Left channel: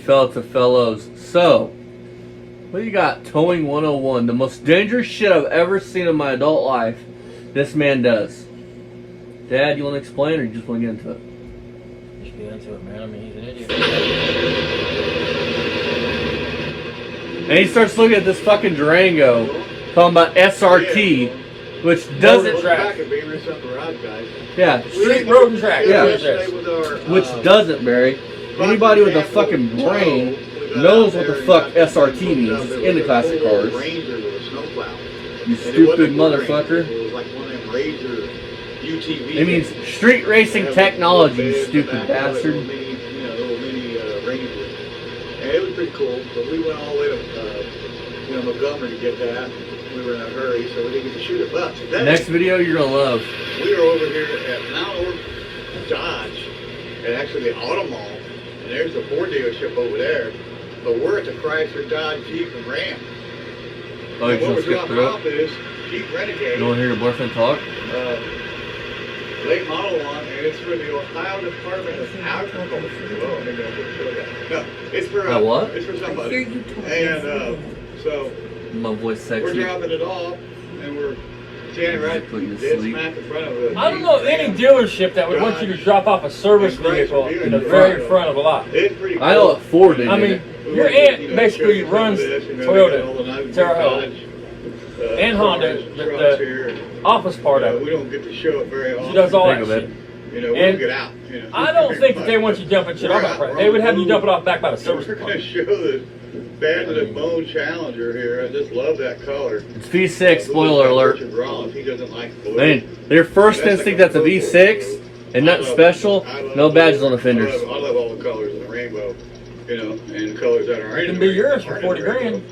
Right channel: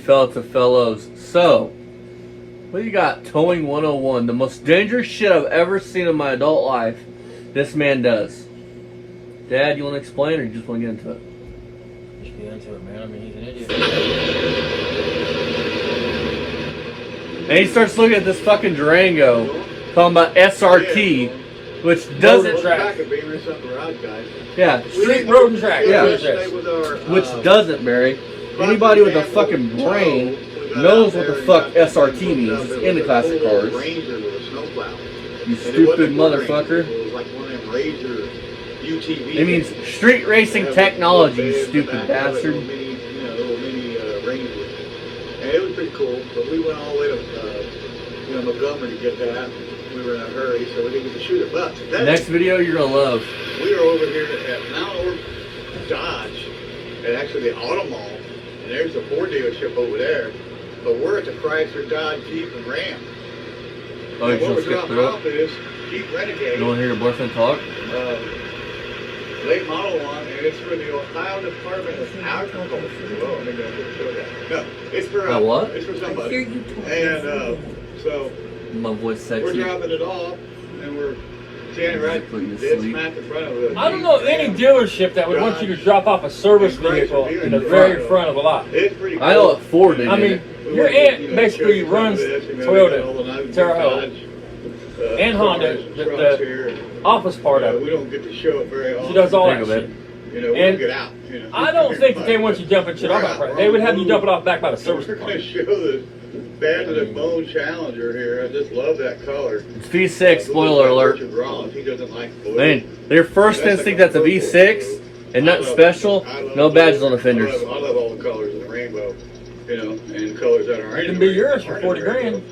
Fellows. So, what do you got? Towing 101. The most dangerous shit I've ever seen in my adult life. This man does. Dad, you want to explain or you just want to get into it? Just get into it, man. I mean, he's an idiot. And he starts looking at this fucking Durango, talking about SRT, which doesn't. Yeah. Street road and track. Yeah. Which doesn't, Barry. Anybody with a fucking brain knows what the fuck SRT means. It's in the classic cars. You stupid motherfucker. It means street racing technology, you stupid bastard. And it was pretty cool, but we went all the way to Montgomery to get that. We were in a hurry, so we didn't get to shoot it. But next video you're gonna love. We are over here at Mount Dodge, and actually the Auto Mall. And there's the Ford dealership over there. But we're at the Chrysler, Dodge, Jeep, and Ram. Oh, and you what we're just skipped dropping it off is Jeep Renegade. You want to hear your boyfriend talk? Late model one, and it's for the Ohio Department of Agriculture. No, it's for what? It's for somebody. And so my voice sexy. we're dropping it off, and we're standing right dead smack in front of it. I don't know any dealership that would want you to drop off a service vehicle in the very front of a lot. It's pretty cool. I know what Ford did. I mean, your aunt basically runs Toyota, Terra Hill, and Honda, the office part of it. We don't get to show it very often. She does all that Think of shit. You know, we'll get out. You know. I don't think that they want you dumping shit off. They would have you dump it off back by the service. We're going to show the Bad to the Bone Challenger here. I just love that color. It's V6, spoiler alert. Richard Rollins, he doesn't like blue. Man, their first instinct that's a V6 and nothing special, no badges on the fenders. I love all the colors in the rainbow, you know, and colors that are It can be yours for 40 grand.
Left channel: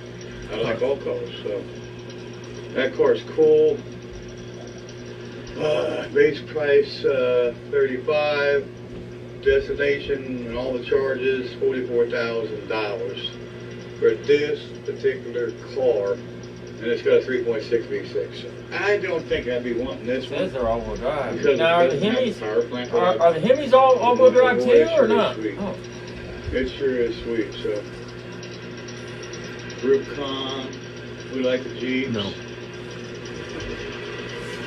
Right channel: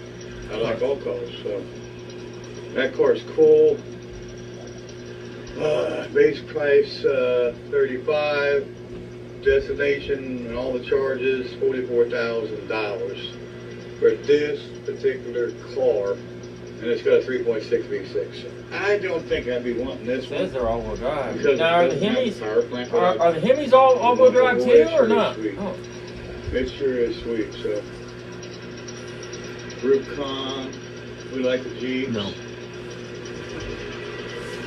I like all colors, so that car's cool. Base price 35, destination and all the charges $44,000 for this particular car, and it's got a 3.6 V6. I don't think I'd be wanting this one. Says they're all-wheel drive. Because Now, are the it doesn't have Hemis a power plant. are the Hemis all-wheel drive too, or not? It sure is sweet. So, Rubicon, we like the Jeeps. No.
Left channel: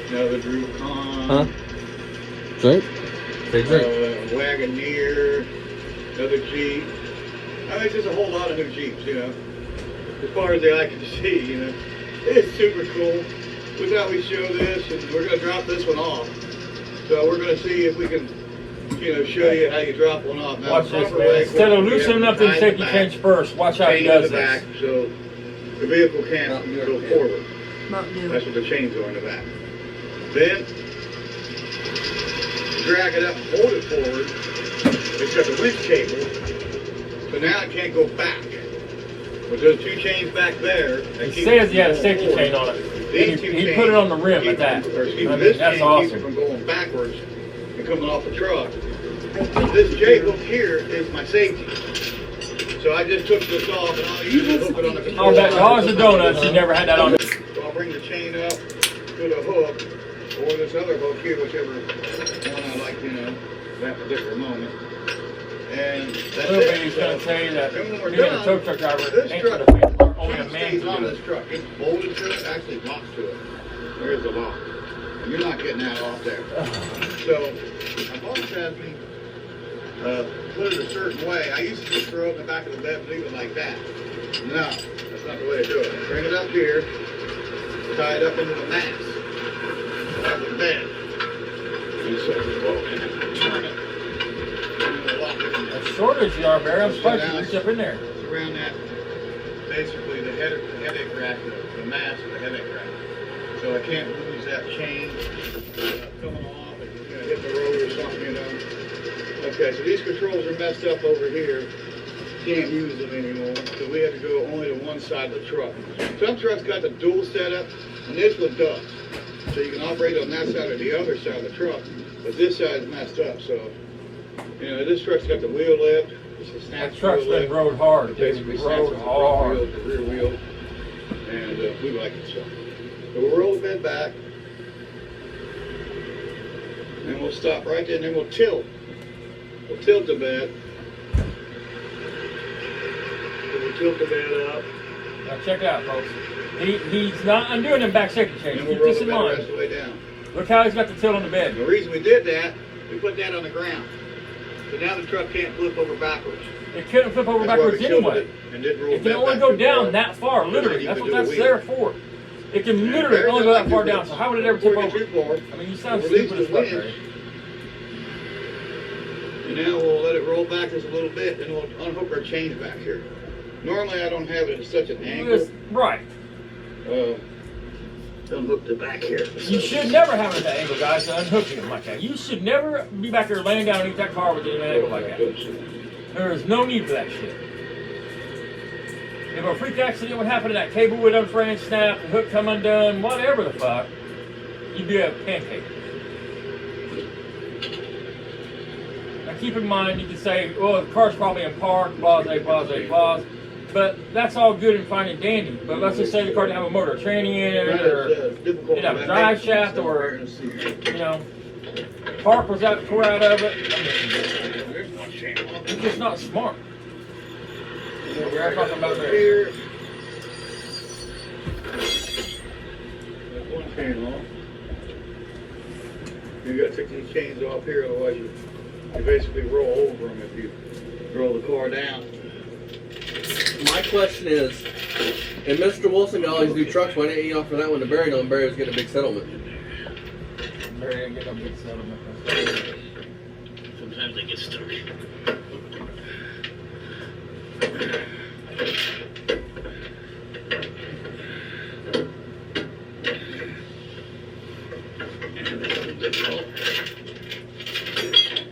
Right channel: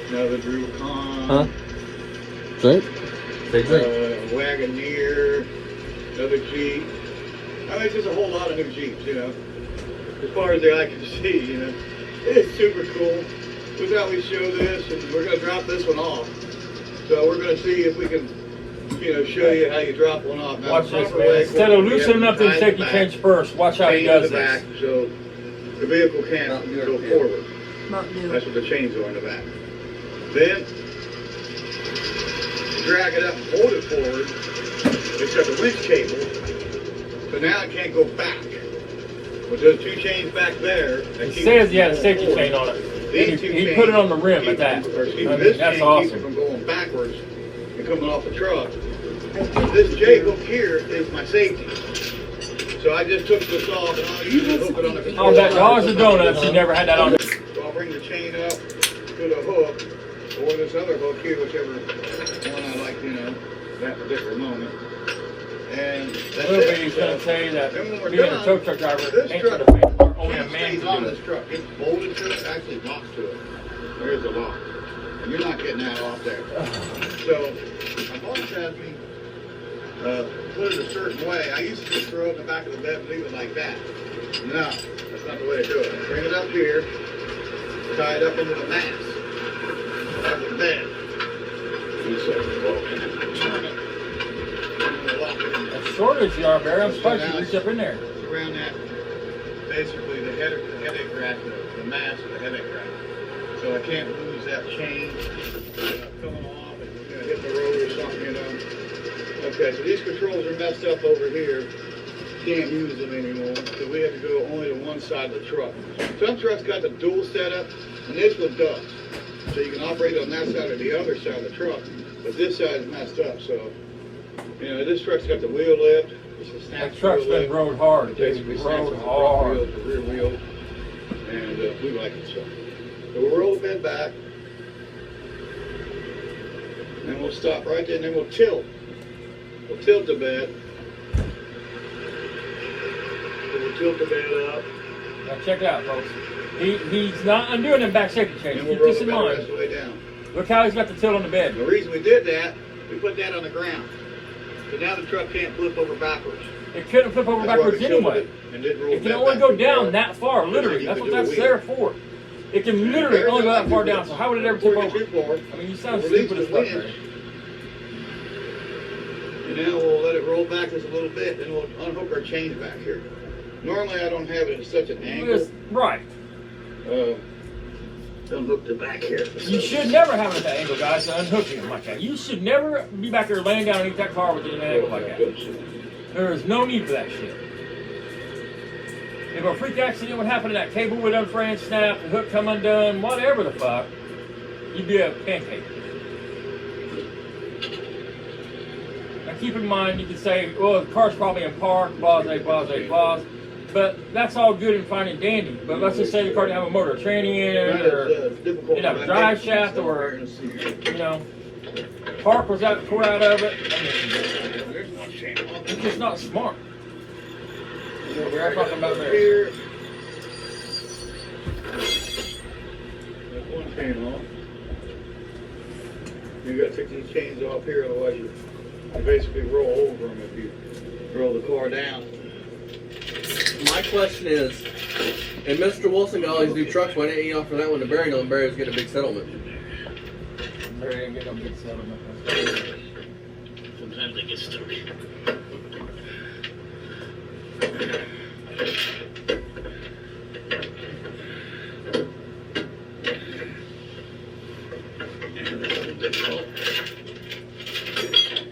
Another Rubicon. Huh? Drink? Wagoneer, another Jeep. I mean, it's just a whole lot of new Jeeps, you know. As far as they like to see, you know. It's super cool. We thought we'd show this, and we're going to drop this one off. So we're going to see if we can, you know, show you how you drop one off. Now, Watch this, man. Instead of loosening up the safety chains first, watch how he does the back, this. so the vehicle can't go forward. That's what the chains go in the back. Then drag it up and hold it forward. It's got the winch cable, so now it can't go back. With those two chains back there, It says you had a safety chain on it. He put it on the rim at that. This That's chain keeps it awesome. from going backwards and coming off the truck. This J hook here is my safety. So I just took this off and I'll use it, hook it on the control. I'll bet dollars and donuts you never had that on. So I'll bring the chain up to the hook, or this other hook here, whichever one I like, you know, that particular moment. And that's He's it. going to say that Then when we're being a done, tow truck driver, this ain't truck gonna be only a chain man stays can on do this it. truck. It's bolted to it, actually locks to it. There's the lock. And you're not getting that off there. So my boss has me put it a certain way. I used to just throw it in the back of the bed and leave it like that. No, that's not the way to do it. Bring it up here, tie it up into the mast of the bed. And so turn it. Lock it. As short as you are, Barry, I'm surprised you reach up in there. Around that, basically the headache rack, the mast of the headache rack. So I can't lose that chain coming off and hit the road or something, you know. Okay, so these controls are messed up over here. Can't use them anymore, so we have to go only to one side of the truck. Some trucks got the dual setup, and this one does. So you can operate on that side or the other side of the truck, but this side is messed up, so, you know, this truck's got the wheel lift. It's a snap That truck's wheel lift. been rode hard. It basically snaps rode from the front hard. wheel to the rear wheel, and we like it so. So we'll roll the bed back, and we'll stop right there, and then we'll tilt. We'll tilt the bed. tilt the bed up. Now check it out, folks. He's not undoing them back safety chains. And we'll Keep roll this the in bed the rest mind. of the way down. Look how he's got the tilt on the bed. The reason we did that, we put that on the ground. So now the truck can't flip over backwards. It couldn't flip over That's why we backwards tilted anyway. it and didn't roll It can bed only back go too down far. that far, literally. You That's can what do a that's wheel. there for. It can literally only go that far down. So how would it ever tip Before you over? get too far, I mean, you sound release stupid as the fuck. winch. Barry. And now we'll let it roll back just a little bit, then we'll unhook our chains back here. Normally I don't have it at such an angle. Right. Unhook the back here. You should never have it at that angle, guys, to unhook it like that. You should never be back there laying down and eat that car with it at an angle like that. There is no need for that shit. If a freak accident would happen and that cable would unfray and snap, the hook come undone, whatever the fuck, you'd be a pancake. Now keep in mind, you can say, well, the car's probably in park, blase, blase, blase. But that's all good and fine and dandy. But let's just say the car didn't have a motor tranny in it, or didn't have a drive shaft, or, you know, park was out, tore out of it. It's just not smart. We're talking about Here. There's one chain off. You gotta take these chains off here, otherwise you basically roll over them if you roll the car down. My question is, and Mr. Wilson got all these new trucks, why didn't you offer that one to Barry? No, Barry was getting a big settlement. Barry didn't get no big settlement. Sometimes I get stuck.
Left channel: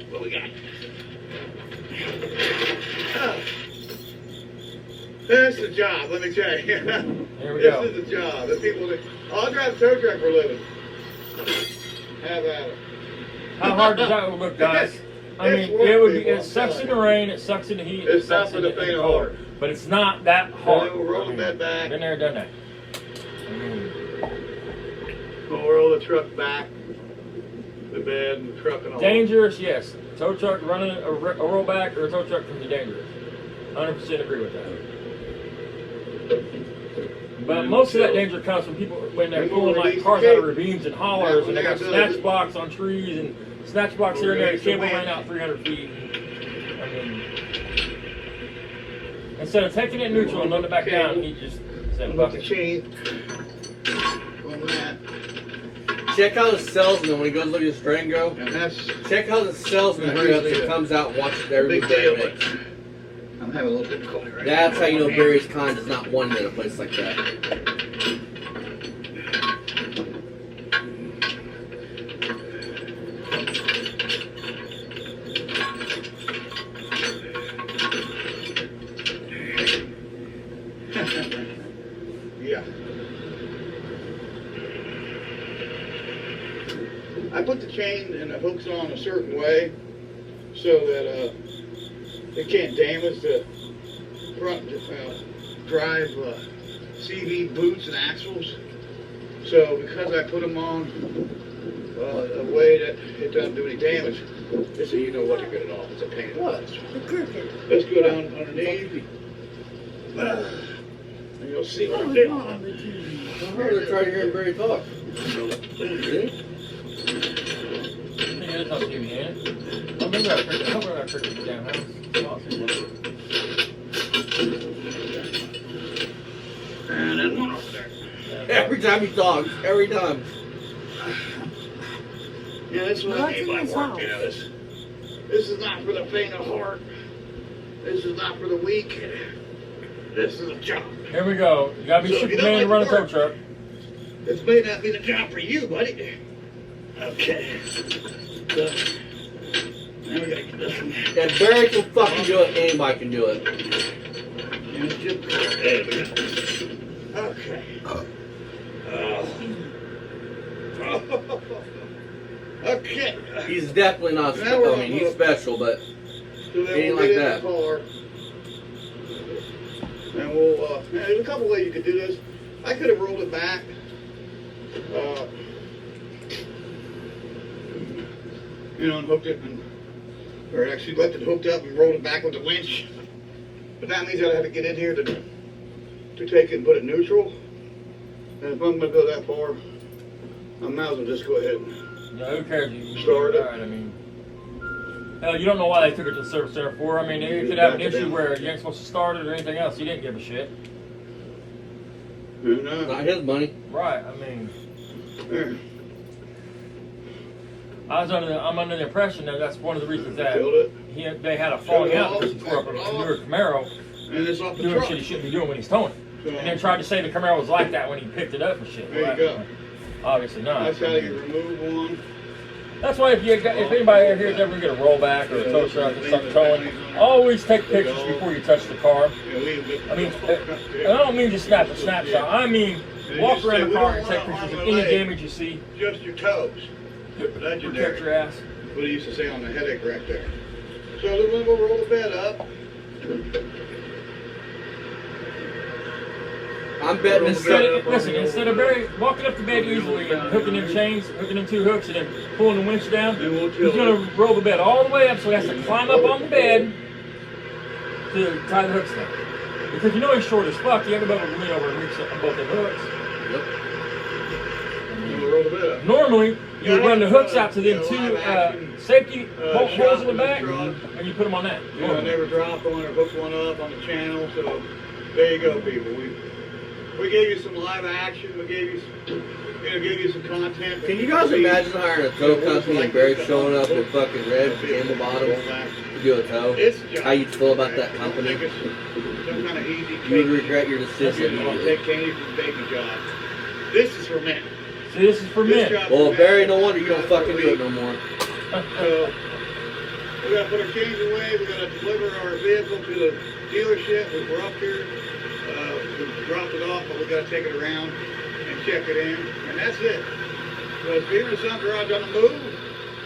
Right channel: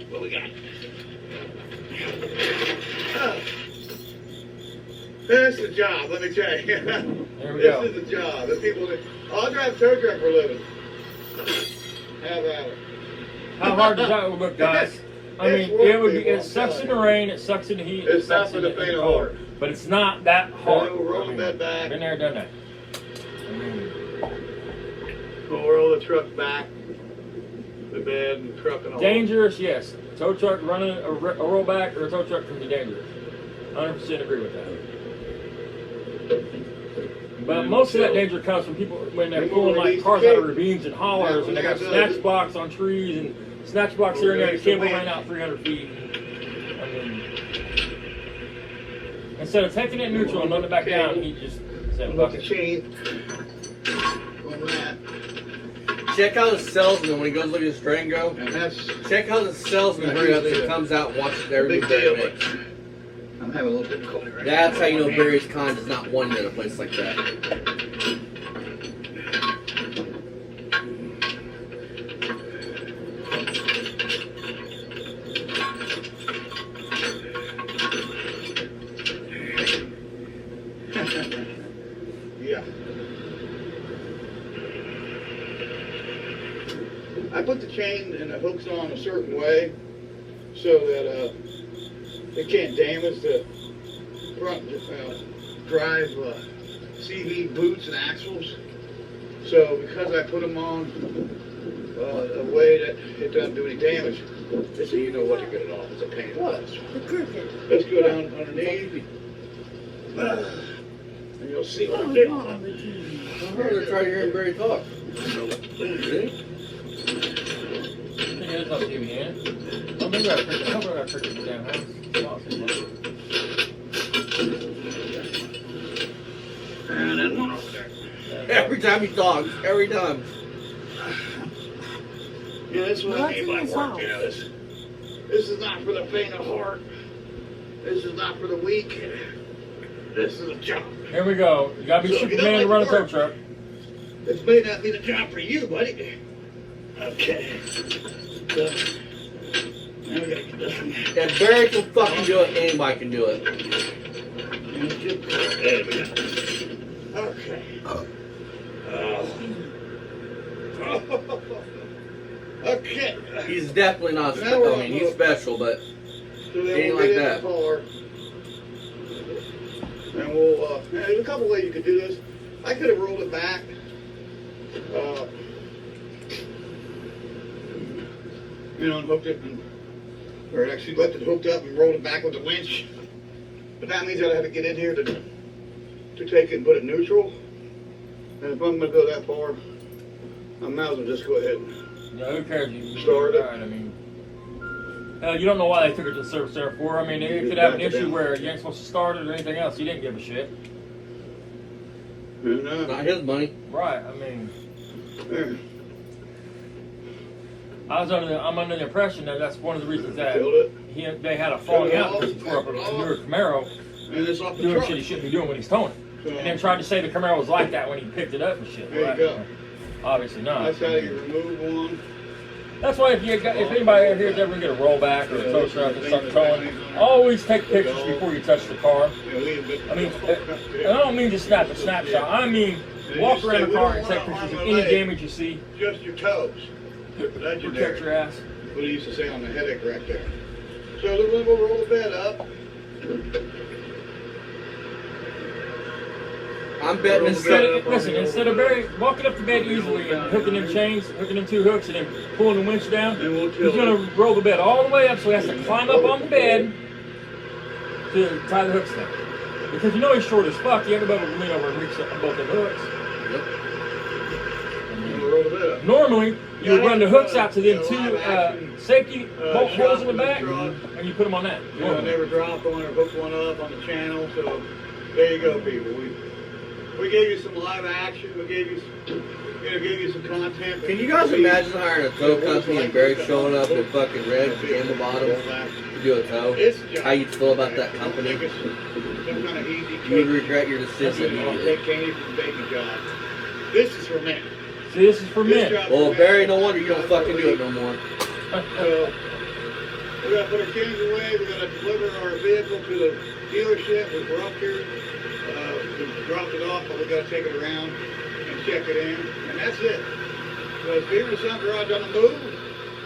What we got? That's the job, let me tell you. Here we This go. is the job. The people that, I drive a tow truck for a living. Have at it. How hard does that look, guys? I It's mean, work, it would be. people, It sucks in the rain. It sucks in the heat. It's it not sucks for in the faint of heart. But it's not that So hard. we'll roll that back. Been there, done that. We'll roll the truck back. The bed and the truck and all. Dangerous, yes. Tow truck running a rollback or a tow truck can be dangerous. 100% agree with that. But most of that danger comes from people when they're pulling like cars out of ravines and hollers and they got snatch blocks on trees and snatch blocks here and there. The cable ran out 300 feet. I mean, instead of taking it neutral and letting it back down, he just said, Unhook fuck the it. chain. On that. Check how the salesman, when he goes looking at his Durango, And that's check how the salesman hurry up and comes out and watches every big move deal. Barry makes. I'm having a little difficulty right That's now. how you know Barry's kind is not one in a place like that. Yeah. I put the chain and the hooks on a certain way so that it can't damage the front drive CV boots and axles. So because I put them on a way that it doesn't do any damage, so you know what to get it off. It's a pain in the butt. Let's go down underneath. And you'll see what I'm doing. I'm going to try to hear Barry talk. See? Yeah, it's not too bad. I'm gonna trick it down. And then one over there. Every time he talks, every time. Yeah, that's what I mean by work, you know. This is not for the faint of heart. This is not for the weak. This is a job. Here we go. You gotta be So if you don't Superman to run a like tow work- truck. This may not be the job for you, buddy. Okay. So, now we gotta get this one. If Barry can fucking do it, anybody can do it. There we go. Okay. Okay. He's definitely not Now special. we're I mean, he's on hook. special, but So then Ain't we'll like get that. in the car. And we'll, there's a couple ways you could do this. I could have rolled it back. And hooked it, or actually left it hooked up and rolled it back with the winch. But that means that I have to get in here to take it and put it neutral. And if I'm going to go that far, I might as well just go ahead and Yeah, who cares? You start it. Right, I mean, you don't know why they took it to the service center for. I mean, you could have an issue where you ain't supposed to start it or anything else. You didn't give a shit. Who knows? Not his money. Right. I mean, There. I'm under the impression that that's one of the reasons that Killed it. they had a falling out Shut it before off, a back it newer Camaro And it's off the doing truck. shit he shouldn't be doing when he's towing. So, And then tried to say the Camaro was like that when he picked it up and shit. there you go. Obviously not. That's how you remove one. That's why if anybody over here is ever going to get a rollback or a tow truck or something towing, always take pictures before you touch the car. I mean, I don't mean just snap a snapshot. I mean, walk around the car and take pictures of any damage you see. Just your toes. Protect Legendary. your ass. What he used to say on the headache rack there. So then we'll roll the bed up. I'm betting Instead instead of walking up the bed easily and hooking in chains, hooking in two hooks, and then pulling the winch down, he's going to roll the bed all the way up so he has to climb up on the bed to tie the hooks down. Because you know he's short as fuck, you haven't done it lean over and reach both the hooks. And we'll roll the bed up. Normally, you would run the hooks out to them two safety holes in the back, and you put them on that. You know, never drop one or hook one up on the channel. So there you go, people. We gave you some live action. We gave you some content. Can you guys imagine hiring a tow company and Barry showing up with fucking red handle bottoms to do a tow? How you'd feel about that company? Some kind of easy. You would regret your decision You don't immediately. take any from baby jobs. This is for men. See, this is for men. Well, Barry, no wonder you don't fucking do it no more. So we gotta put our chains away. We gotta deliver our vehicle to the dealership. We're up here. We dropped it off, but we gotta take it around and check it in, and that's it. So if even if some garage on the move,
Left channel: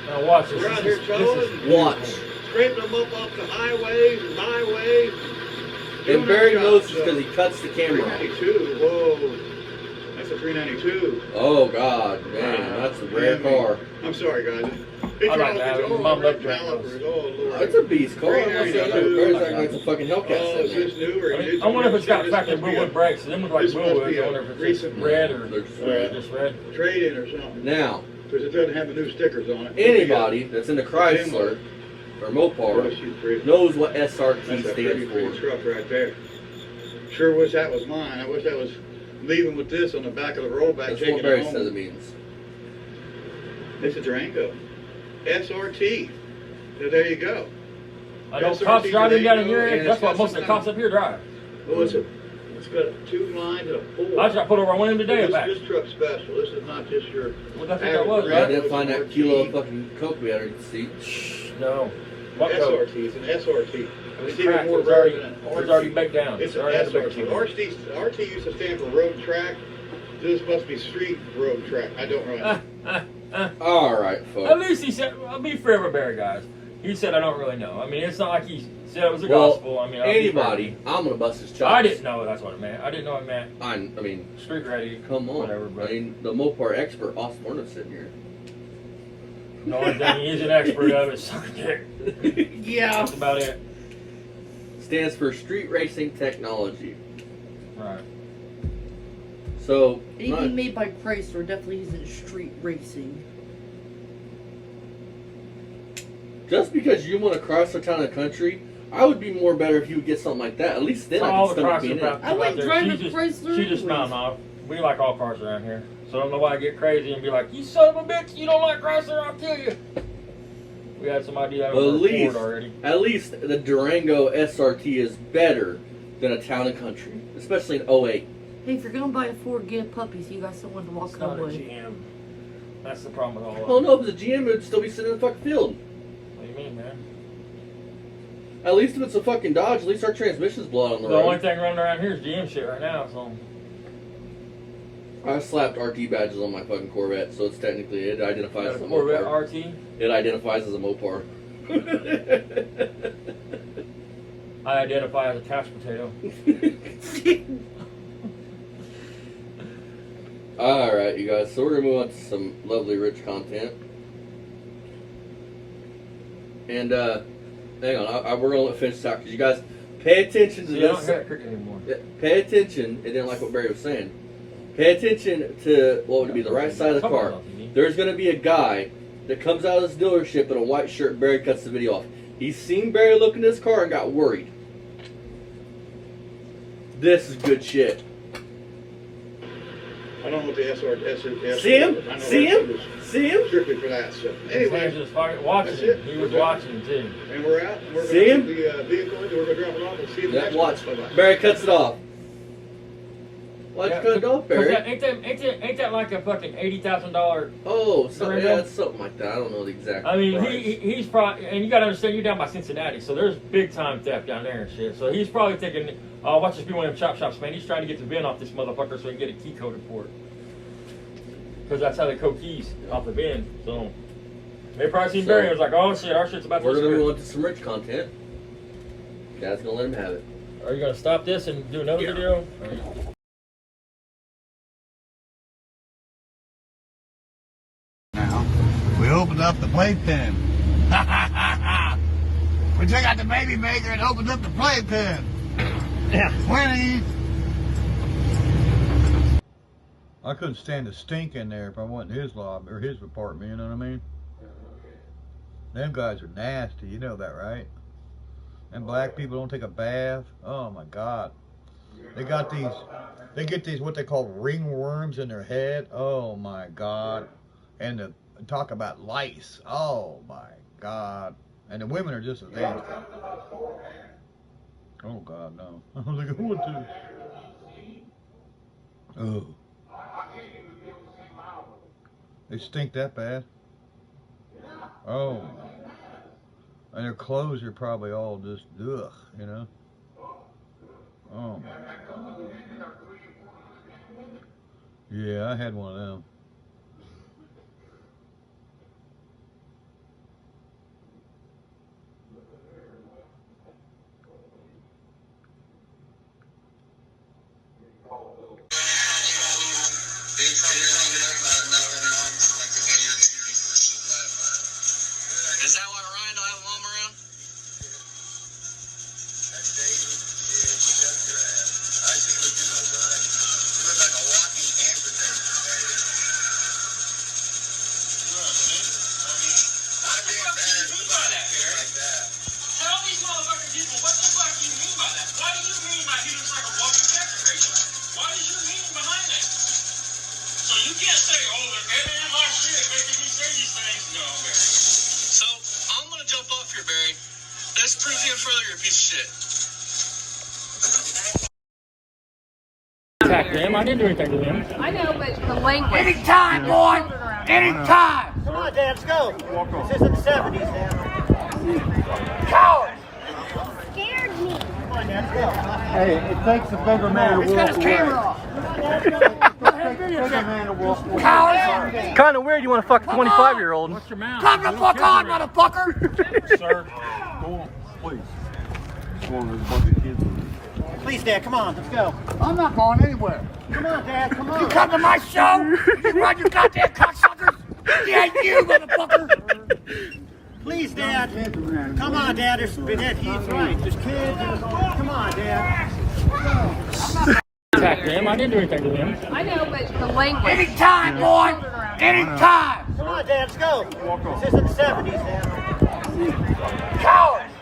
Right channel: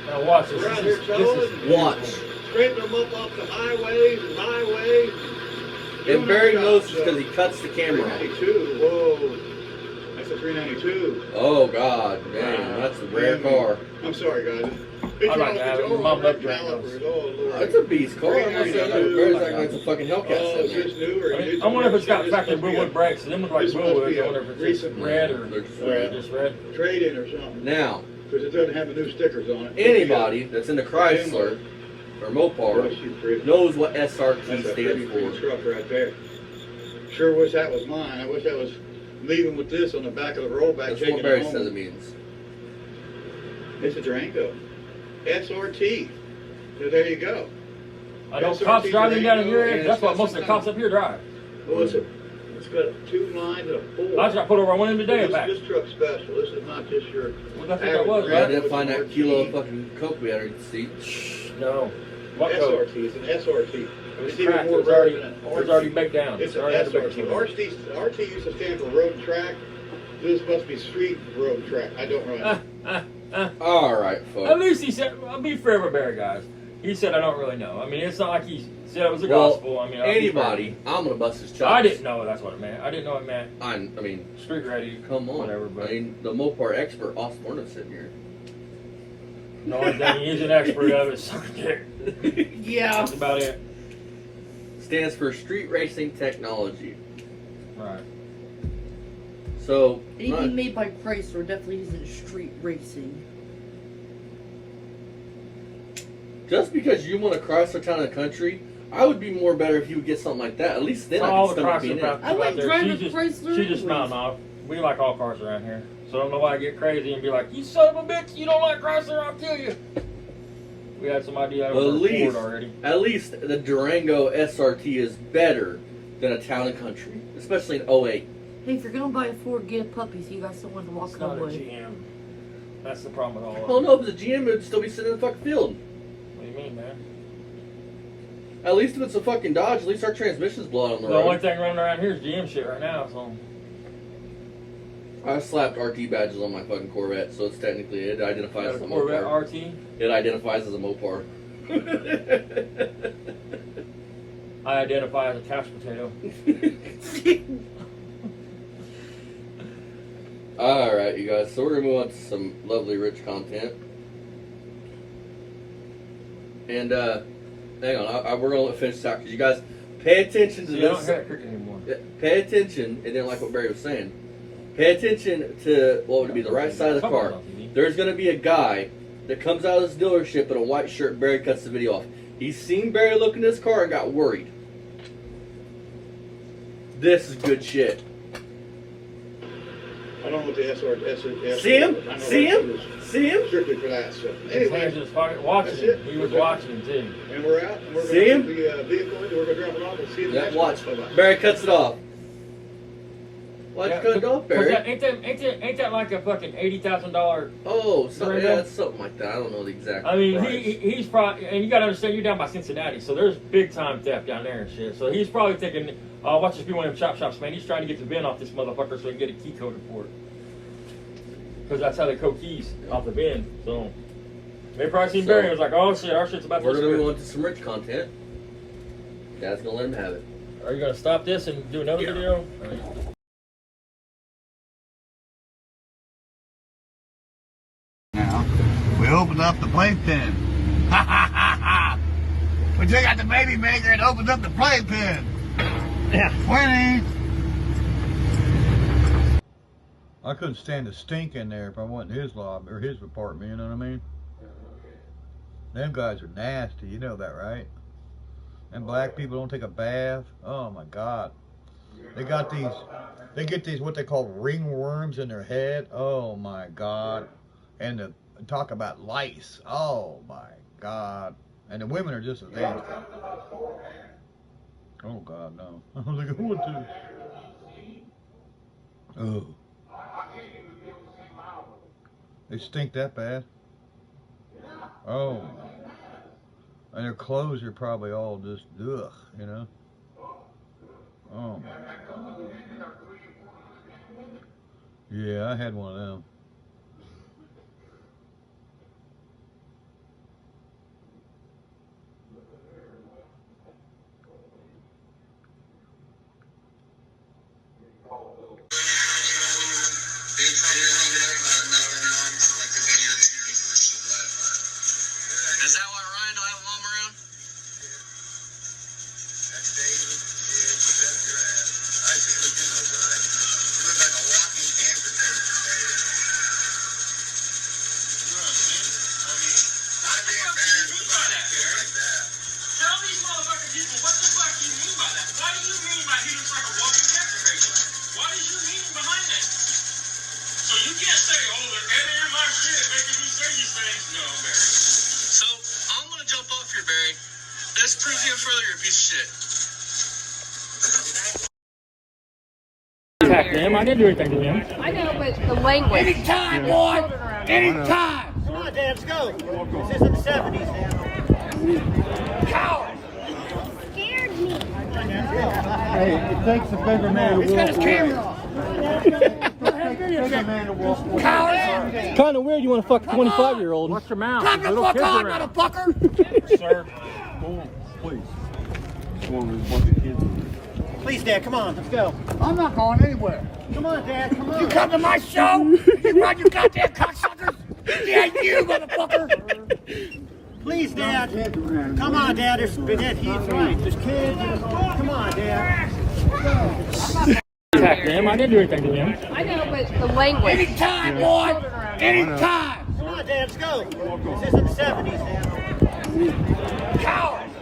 Now watch this. we're out here towing, Watch. scraping them up the highways and byways. And Barry knows this because he cuts the camera off. 392. Whoa, that's a 392. Oh, God, man, that's a rare car. I'm sorry, guys. It's I wrong like with that. all My the red leg calipers. Oh, Lord. It's a beast car. I'm not saying that. Barry's acting like it's a fucking Oh, Hellcat. is this new or I wonder if it's got factory Woodwood brakes. Them look like this must Woodwood. be I a wonder if it's recent red or just red. trade-in or something. Now, Because it doesn't have the new stickers on it. anybody that's in the Chrysler or Mopar knows what SRT That's a pretty stands for. truck right there. Sure wish that was mine. I wish I was leaving with this on the back of the rollback, That's taking what Barry it says it home. means. It's a Durango. SRT. So there you go. I know SRT cops driving down in your Durango, area. That's and what it's most of got the some cops up here drive. Well, it's got 2 lines and a 4. I just got put over on one end today. This truck's special. This is not just your Well, that's what that was, Yeah, I right? didn't find that kilo of fucking coke we had in the seat. No. What code? SRT. It's an SRT. It's Track, even more it's rare already- than It's already baked down. It's an already SRT. baked down. RT used to stand for road track. This must be street road track. I don't really know. All right, At folks. least he said, I'll be fair with Barry, guys. He said, I don't really know. I mean, it's not like he said it was a Well, gospel. I mean, I'll be anybody, fair. I'm gonna bust his chops. I didn't know that's what it meant. I didn't know it meant I mean, street ready. come on. Whatever, but I mean, the Mopar expert, Austin Warner's sitting here. the only thing he's an expert of is sucking dick. Yeah. That's about it. Stands for Street Racing Technology. Right. So, Anything made by Chrysler definitely isn't street racing. just because you want a Chrysler Town and Country, I would be more better if you would get something like that. At least then I All can the stomach cars being in. about I wouldn't drive a She Chrysler just anyways. smiling off. We like all cars around here. So I don't know why I get crazy and be like, you son of a bitch, you don't like Chrysler, I'll kill you. We had some idea out of our Ford already. At least the Durango SRT is better than a Town and Country, especially in 08. Hey, if you're gonna buy a Ford, get a puppy so you got someone to walk It's not a away. GM. That's the problem with all of Oh them. no, but the GM would still be sitting in the fucking field. What do you mean, man? At least if it's a fucking Dodge, at least our transmission's blowing on the The only road. thing running around here is GM shit right now, so. I slapped RT badges on my fucking Corvette, so it's technically, it identifies Got as a a Corvette Mopar. RT. It identifies as a Mopar. I identify as a couch potato. Alright, you guys, so we're gonna move on to some lovely rich content. And, hang on, we're gonna finish this out because you guys Pay attention to You don't this. have cricket anymore. Pay attention, and then like what Barry was saying, pay attention to what would be the right side of the car. There's going to be a guy that comes out of this dealership in a white shirt. Barry cuts the video off. He's seen Barry look in his car and got worried. This is good shit. I don't know what the SR. See him? See him? See him? Strictly for that stuff. He Anyway, was just watching that's him. it. He was watching him too. and we're out. And we're See him? going to the vehicle. And we're going to drop it off and see you. Yeah, watch. Barry cuts it off. Why'd you cut it off, Barry? Ain't that like a fucking $80,000? Oh, yeah, it's something like that. I don't know the exact I mean, price. he's probably, and you gotta understand, you're down by Cincinnati, so there's big time theft down there and shit. So he's probably thinking, oh, watch this be one of them chop shops, man. He's trying to get the bin off this motherfucker so he can get a key code for it. Because that's how they code keys off the bin. So they probably seen Barry and was like, oh shit, our shit's about to We're going to be go into some rich content. Dad's going to let him have it. Are you gonna stop this and do another video? All right. We opened up the playpen. We took out the baby maker and opened up the playpen. Yeah. Winnie. I couldn't stand the stink in there if I went in his lobby or his apartment, you know what I mean? Them guys are nasty, you know that, right? And black people don't take a bath. Oh my God. They got these, they get these what they call ringworms in their head. Oh my God. And the talk about lice. Oh my God. And the women are just as nasty. Oh God, no. I was like, who would do? Oh. They stink that bad. Oh. And their clothes are probably all just ugh, you know. Oh my God. Yeah, I had one of them. Is that why Ryan don't have a mom around? That's David. Yeah, you got your ass. I see what you know, Brian. You look like a walking amputation, baby. You know what I mean? I'd be embarrassed about it like that. Tell these motherfucking people, what the fuck do you mean by that? What do you mean by he looks like a walking cancer patient? What is your meaning behind that? So you can't say, oh, they're editing my shit, making me say these things. No, Barry. So, I'm gonna jump off here, Barry. This proves even further you're a piece of shit. Attack him. I didn't do anything to him. I know, but the language. Anytime, boy! Anytime! Come on, Dad, let's go. This is in the 70s, Dad. Coward! Scared me. Come on, Dad, let's go. Hey, it takes a bigger man to He's got walk his away. camera off. Bigger man to walk away. Coward! Kind of weird you want to fuck a 25-year-old. What's your mouth? Come the fuck on, motherfucker! Sir, go on, please. Go on, there's a bunch of kids in there. Please, Dad, come on, let's go. I'm not going anywhere. Come on, Dad, come on. You come to my show? You run your goddamn cocksuckers? Yeah, you, motherfucker! Please, Dad. Kids around. Come on, Dad, he's right. There's kids. Come on, Dad. Attack him. I didn't do anything to him. I know, but the language. Anytime, boy! Anytime! Come on, Dad, let's go. This is in the 70s, Dad. Coward!